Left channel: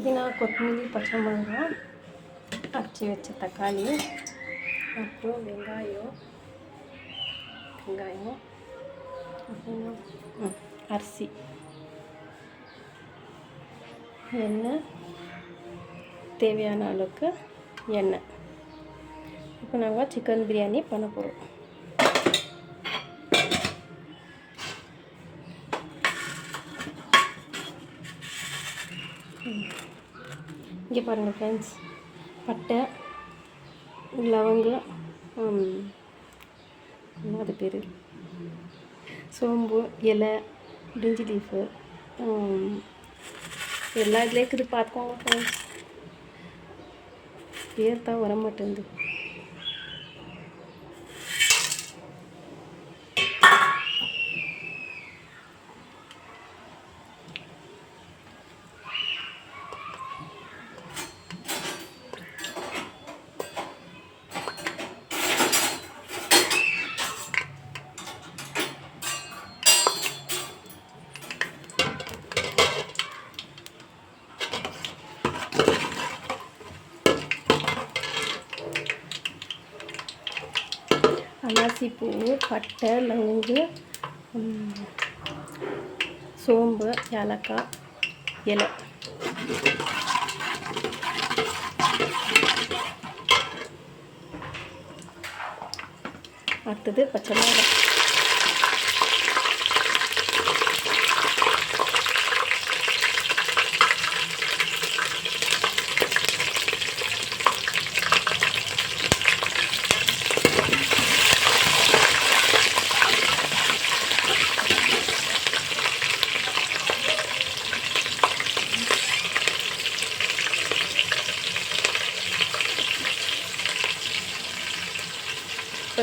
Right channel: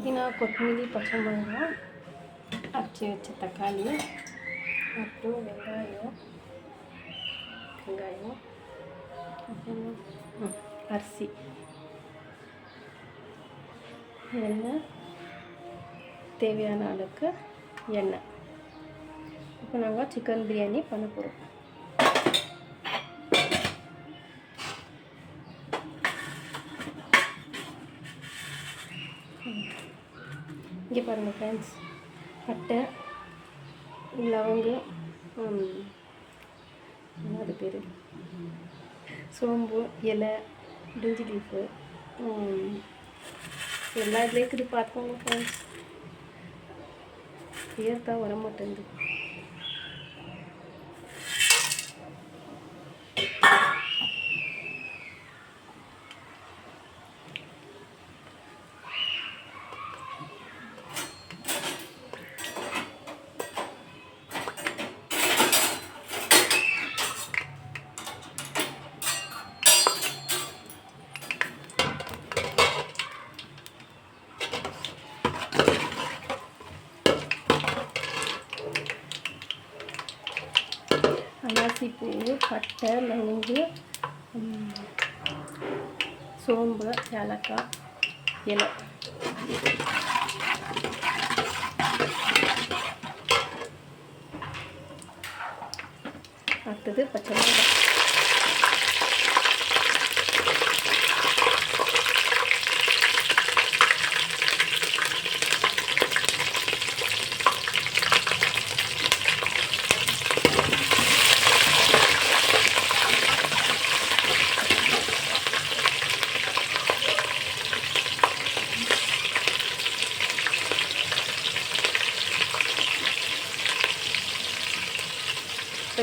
புதினா, கொத்தமல்லி, பச்சை மிளகாய், அரைச்சி வச்ச தக்காளி, அப்புறம் வெங்காயம், அப்புறம் அரிசி, எண்ணெய், தேவையான அளவுக்கு எண்ணெய். இப்போ நாங்கள் சிக்கன் பிரியாணி பண்ண போகிறோம். இங்கே பாருங்கள் ஃப்ரெண்ட்ஸ், பட்டை, லவங்கம், அது பேர் சோம்பு, இலை, பிரிஞ்சி லீஃபு, எல்லா இதுலேயும் இருக்குது, பார்த்துக்கோங்க ஃப்ரெண்ட்ஸ். பேர் தான் வர மாட்டேங்குது. அன்னாசிப்பூ, பட்டை, லவங்கு, சோம்பு, ஏலக்காய், இலை. அடுத்தது பச்சை மிளகாய்.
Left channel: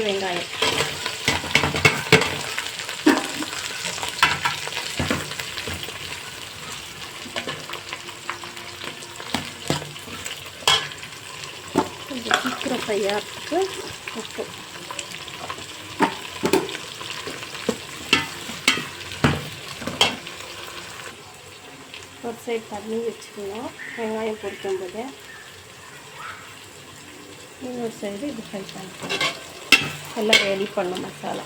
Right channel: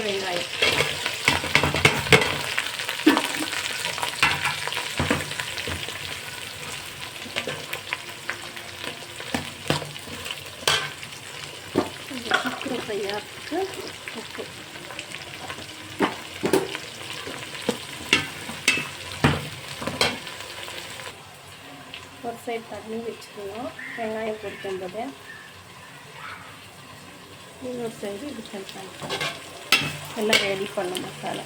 வெங்காயம், கொஞ்சம் சீக்கிரம் தயாரிச்சுட்டு உப்பு. ஒரு சைடு தண்ணி வச்சுக்கணும் வெங்காயம் பொரிக்கும்போது, இன்னொரு சைடு இது ஃப்ரை பண்ணிக்கலாம். எல்லாம் ரெடி பண்ண மசாலா.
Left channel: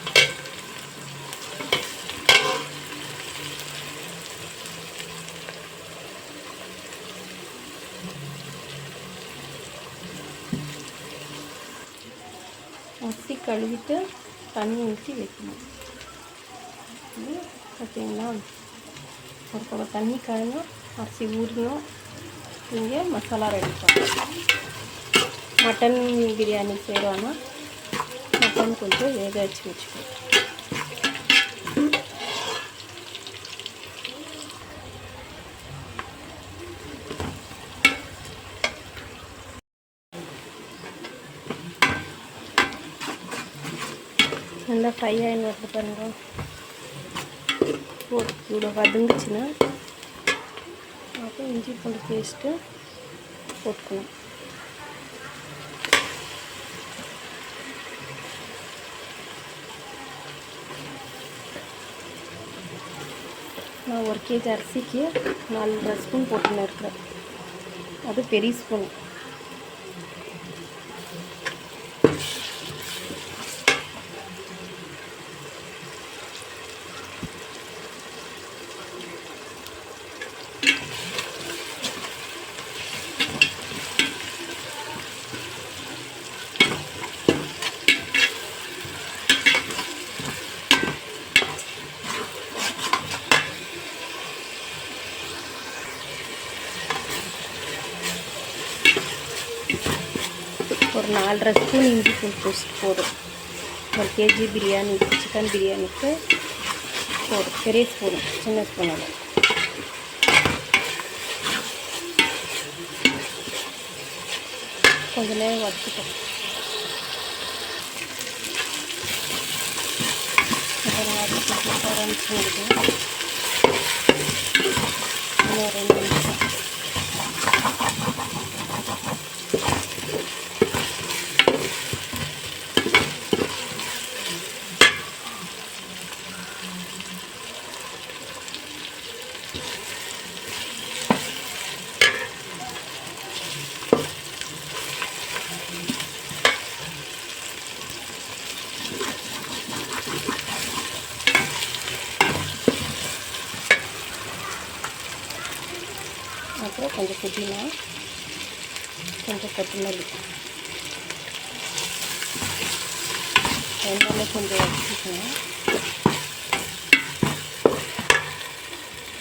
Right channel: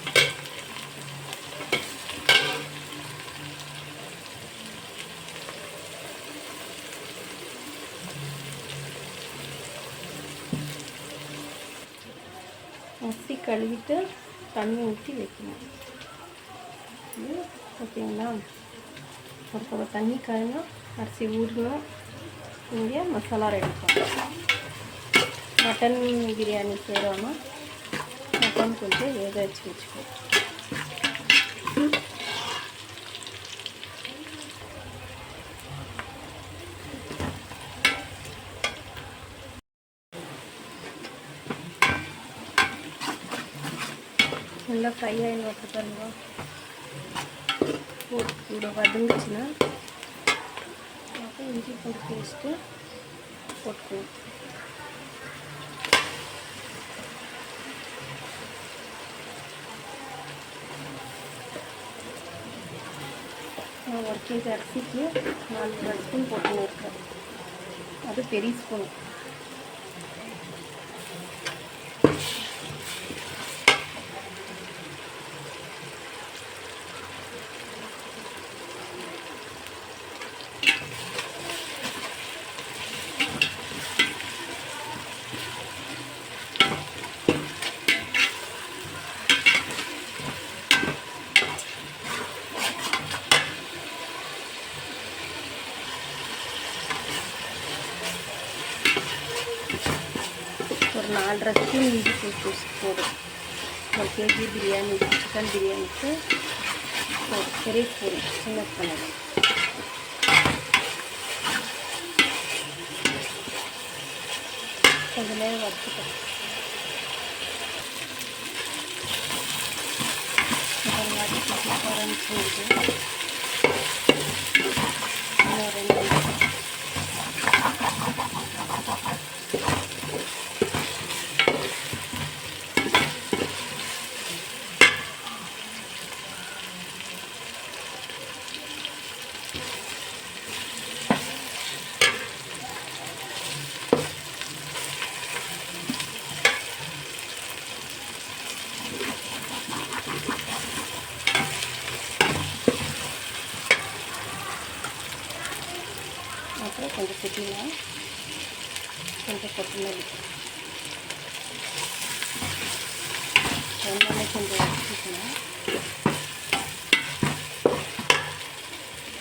அரிசி கழுவிட்டு தண்ணி ஊற்றி வைக்கணும். ஓகேங்களா? ஒரு பக்கம் தண்ணி காயணும், அரிசி ஊறணும். இங்கே மசாலா ரெடி பண்ணணும். மட்டன் பிரியாணி செய்கிறோன்னா மட்டன் கொஞ்சம் வேக வச்சு வச்சுக்கோ. நல்லா ஃப்ரை ஆகி வரது பாருங்க. கூட வதங்குச்சுன்னா அப்புறம் இஞ்சி பூண்டு பேஸ்ட்டு போட்டுக்கணும். நான் 1 kg அரிசிக்கு 4 ஸ்பூன் போட்டுன்னு இருக்கிறேன். அது பெரிய ஸ்பூன். ஒரு 4.5 ஸ்பூன் இஞ்சி பூண்டு பேஸ்ட் போதும். 1 kg பிரியாணி, சிக்கன் பிரியாணிக்கு போதும். பெரிய ஸ்பூன், சின்ன ஸ்பூன். கொஞ்ச நேரம் வச்சுக்கணும். இன்னும் 2 நிமிஷம். கொஞ்சம் புதினா, கொஞ்சம் கொத்தமல்லி, எல்லாமே கொஞ்சம் வச்சுக்கணும்.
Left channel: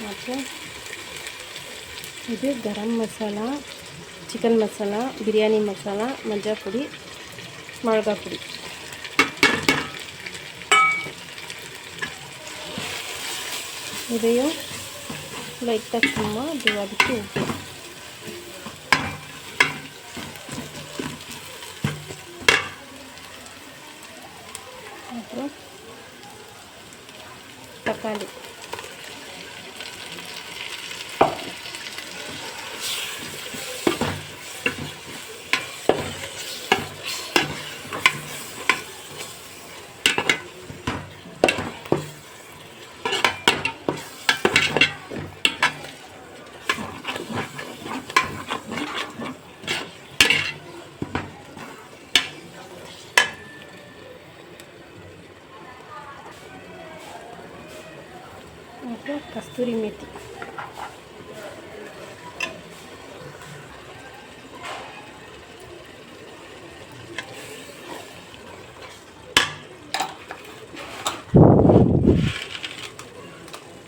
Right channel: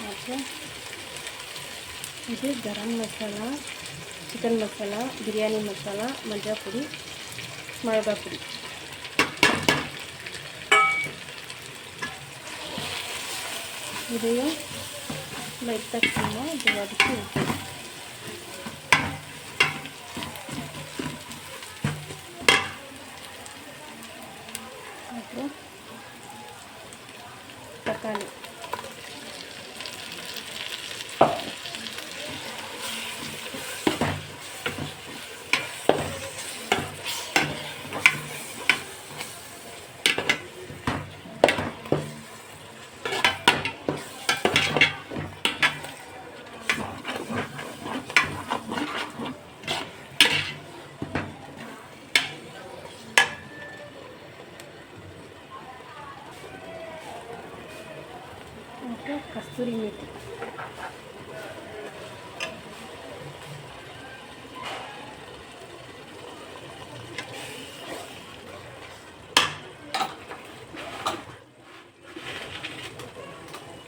அப்புறம் இது கரம் மசாலா, சிக்கன் மசாலா, பிரியாணி மசாலா, மஞ்சள் பொடி, மிளகாய் பொடி. இதையும் லைட்டாக சும்மா இது வதக்கி விட்டு அப்புறம் தக்காளி, அப்புறம் கஸ்தூரி மேத்தி.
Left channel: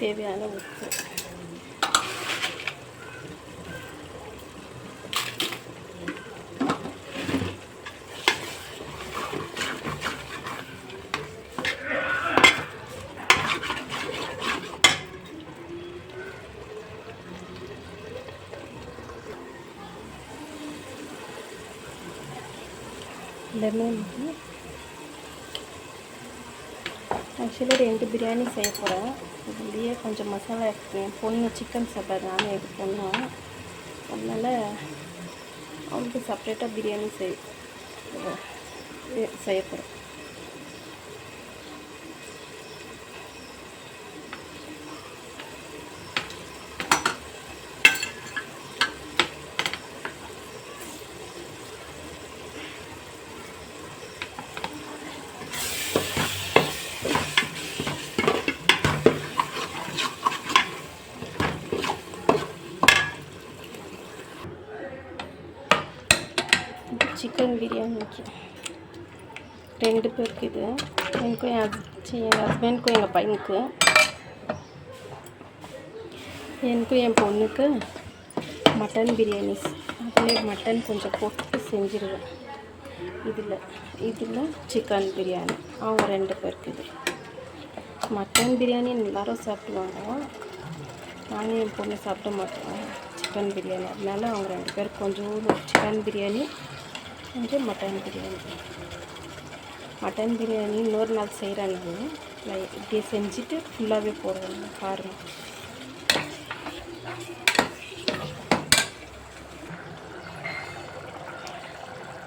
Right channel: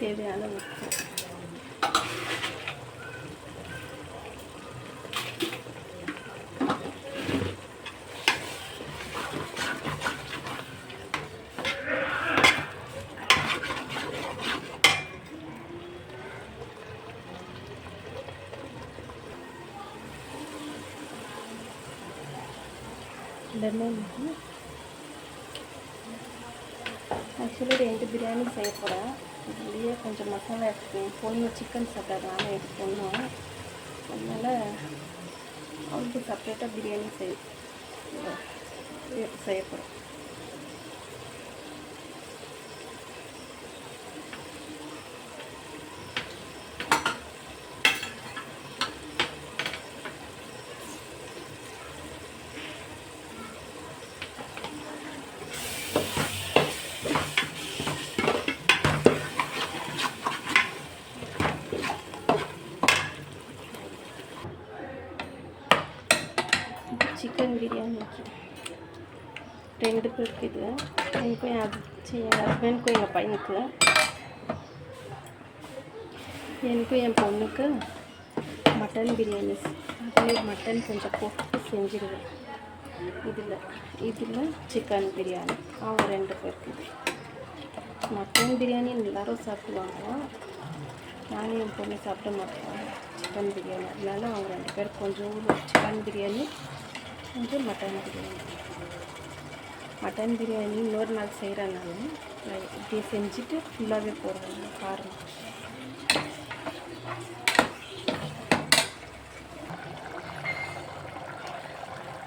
தேவையான உப்பு. லெமன். ஆக்சுவலி 2 பிரியாணி செய்ய போகிறேன். இதுலேயே கொஞ்சம் மசாலா எடுத்துக்குவேன். பொண்ணு சிக்கன் சாப்பிட்றது, நானும் இது பொண்ணும். அதனால் அவளுக்கு செப்ரேட்டாக பிரியாணி செய்ய போகிறேன். சிக்கன் பிரியாணிக்கு 2 பேருக்கு இது. எனக்கும் என் ஹஸ்பண்டுக்கும் எங்கள் பையனுக்கு, எனக்கும் என் பொண்ணுக்கு மட்டன் பிரியாணி. அதில் மட்டன் கொஞ்சம் போட்டு செஞ்சுருவேன். இதில் சிக்கன் பிரியாணி. அவங்க 2 பேருக்கு இது. மட்டன் பிரியாணி எல்லோரும் சாப்பிடுவாங்க. நானும் என் பொண்ணு சாப்பிட மாட்டோம் சிக்கன் பிரியாணி. அதனால அவங்க 2 பேருக்கு கொஞ்சம் சிக்கன் பிரியாணி, கொஞ்சம் மட்டன் பிரியாணி. மட்டன் பிரியாணி இன்னொரு நாள் செய்கிறேன். நான் இப்படி செஞ்சுட்டு ஃபுல்லாகவே போடுவேன், பாருங்கள்.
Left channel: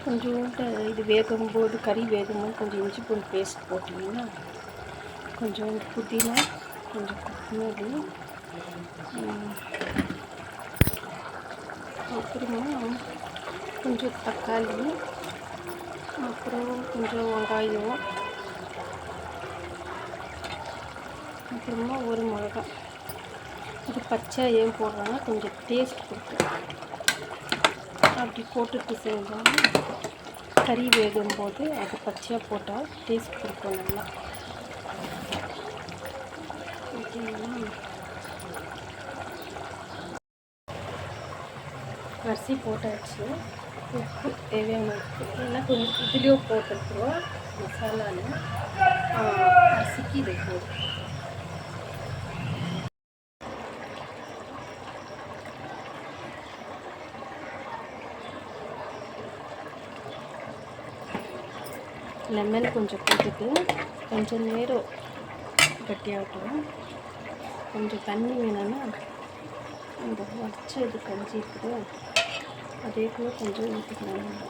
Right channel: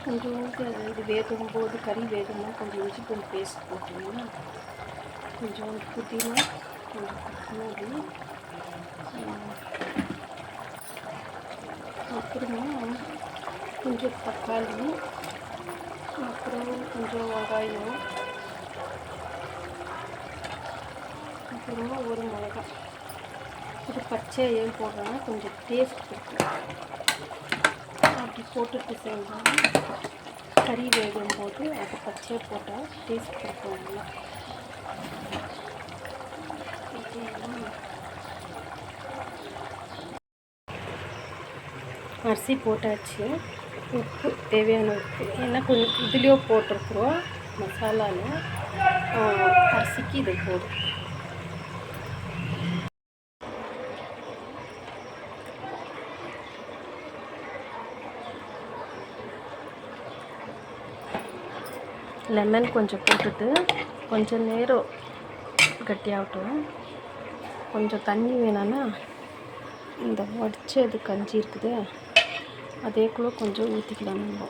கொஞ்சோண்டு இது வேகும்போது, கறி வேகும்போது கொஞ்சம் இஞ்சி பூண்டு பேஸ்ட் போட்டிங்கன்னா, கொஞ்சம் புதினா, கொஞ்சம் கொத்தமல்லி, அப்புறமா கொஞ்சம் தக்காளி, அப்புறம் கொஞ்சம் வெங்காயம், அப்புறமா ஒரு மிளகாய். இது பச்சை ஏன் போடுறேன்னா கொஞ்சம் டேஸ்ட் கொடுக்கும். அப்படி போட்டுட்டு செஞ்சால் கறி வேகும்போது அது பச்சையாக போட்டால் டேஸ்ட் கொடுக்கும் நல்லா. அரிசி போட்டாச்சு. உப்பு, தேவையான உப்பு. ஏன்னா கொஞ்சம் இதுலேயோ போட்டிருக்குறோம் மசாலாவில். அரிசிக்கு இது போதும். லெமன் கொஞ்சம் போட்டுட்டு கொஞ்சம் நேரம் கட்டியாகட்டும். கொஞ்சம் தண்ணி வேணும்னா இந்த வடிச்சது கஞ்சி இருக்குது, அதே கூட கொஞ்சம் ஊற்றிக்கலாம். நம்ம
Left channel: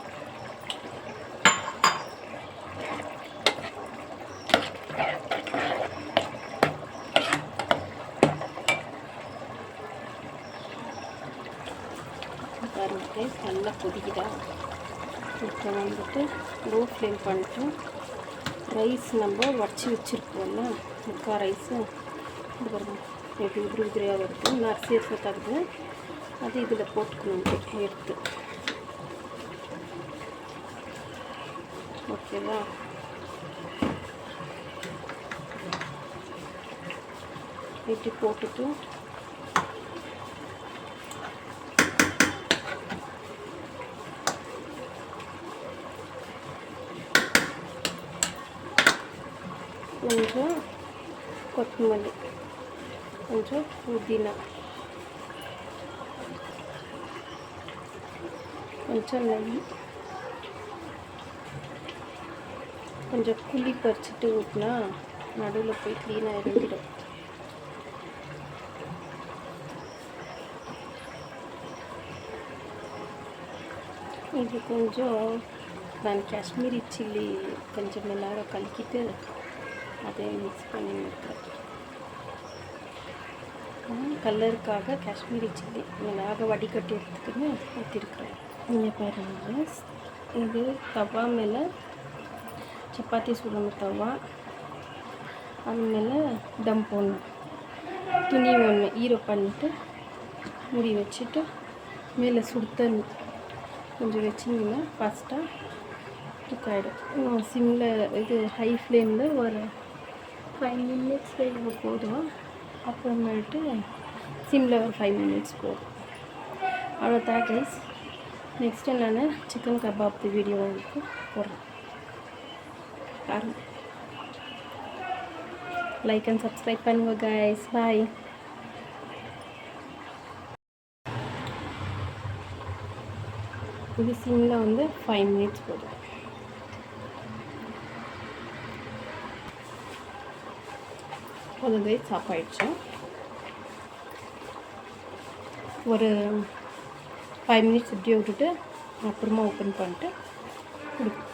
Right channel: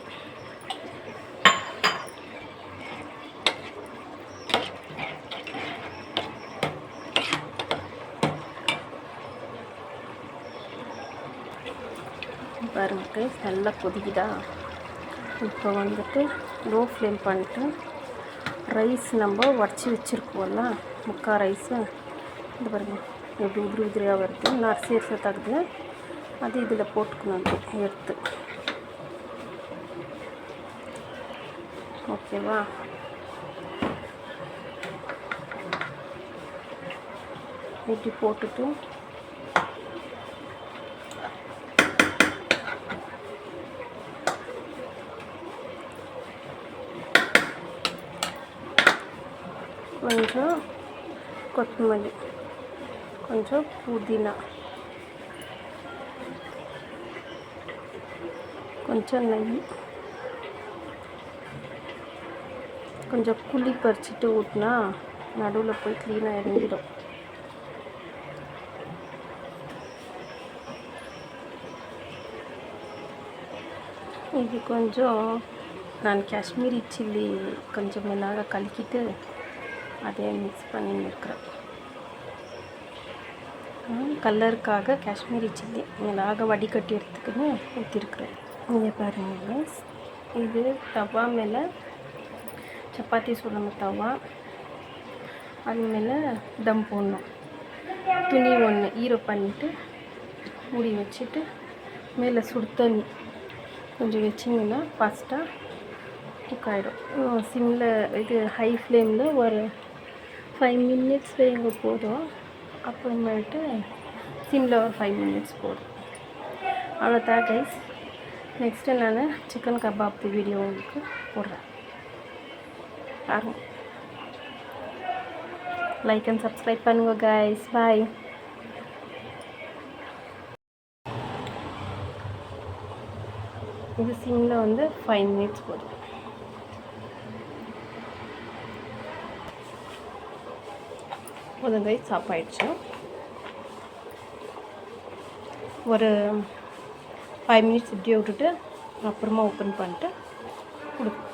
பாருங்கள், நல்லா கொதிக்குதா. இப்போ வந்துட்டு லோ ஃப்ளேம் பண்ணிட்டு ரைஸ் நம்ம வடித்து வச்சுருப்போம்ல, முக்கால் ரைஸு இது பாருங்கள் எப்படி உதிரியாக வருது. நான் அரிசி தகுது. அது இதில் போட்டுக்கணும் எடுத்து. ஓகேவா? இப்படி போட்டுட்டு கொஞ்சம் கொத்தமல்லி, கொஞ்சம் புதினா, கொஞ்சம் நெய், கொஞ்சம் புளி பறிச்சுட்டு ஊற்றினா நடுவில் போய் க்ளீனாக இறங்கிடும். இது கொஞ்சம் நான் காஷ்மீரி சில்லி கொஞ்சம் மிளகாய் கலக்கிட்டு அதை மிக்ஸ் பண்ணியிருக்கிறேன். கலருக்காக காஷ்மீரி சில்லி மிளகாய் வடிகட்டி எடுத்துக்கின்னு ஊற்றிருக்கிறேன். இங்கே பாருங்கள், இது தவா மேலே சப்பாத்தி சுடுற தவா, அது மேலே தம் போடணும். துணி ஒன்று ஈரோ பண்ணிவிட்டு மூடி வச்சுட்டு மேலே சுடு தண்ணி கொஞ்சம் வச்சிங்கன்னா ஃபாஸ்ட்டாக குக் ஆகிடும். சிம்மில் இது ஹை ஃப்ளேமில் ஒரு 5 minutes வைங்க போதும். அப்புறமேட்டு சிம்மில் ஒரு 5 minutes போதும். அவ்வளோதான் கைஸ். நெக்ஸ்ட்டு நான் சிக்கன் கபாப் வீடியோ உங்களுக்கு போடுறேன், பாருங்கள். லைக் அண்ட் சப்ஸ்கிரைப் பண்ணுங்கள் கைஸ். பாய். இது சிம்மில் வந்து 5 minutes போதும். கைஸ் சாப்பாயிடுச்சு. ஒரு 5 minutes இப்படியே விட்டுட்டு அப்புறமா ஓப்பன் பண்ணிட்டு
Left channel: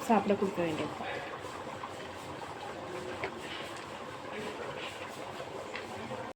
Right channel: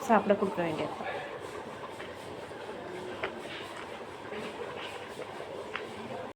சாப்பிட கொடுக்க வேண்டியது.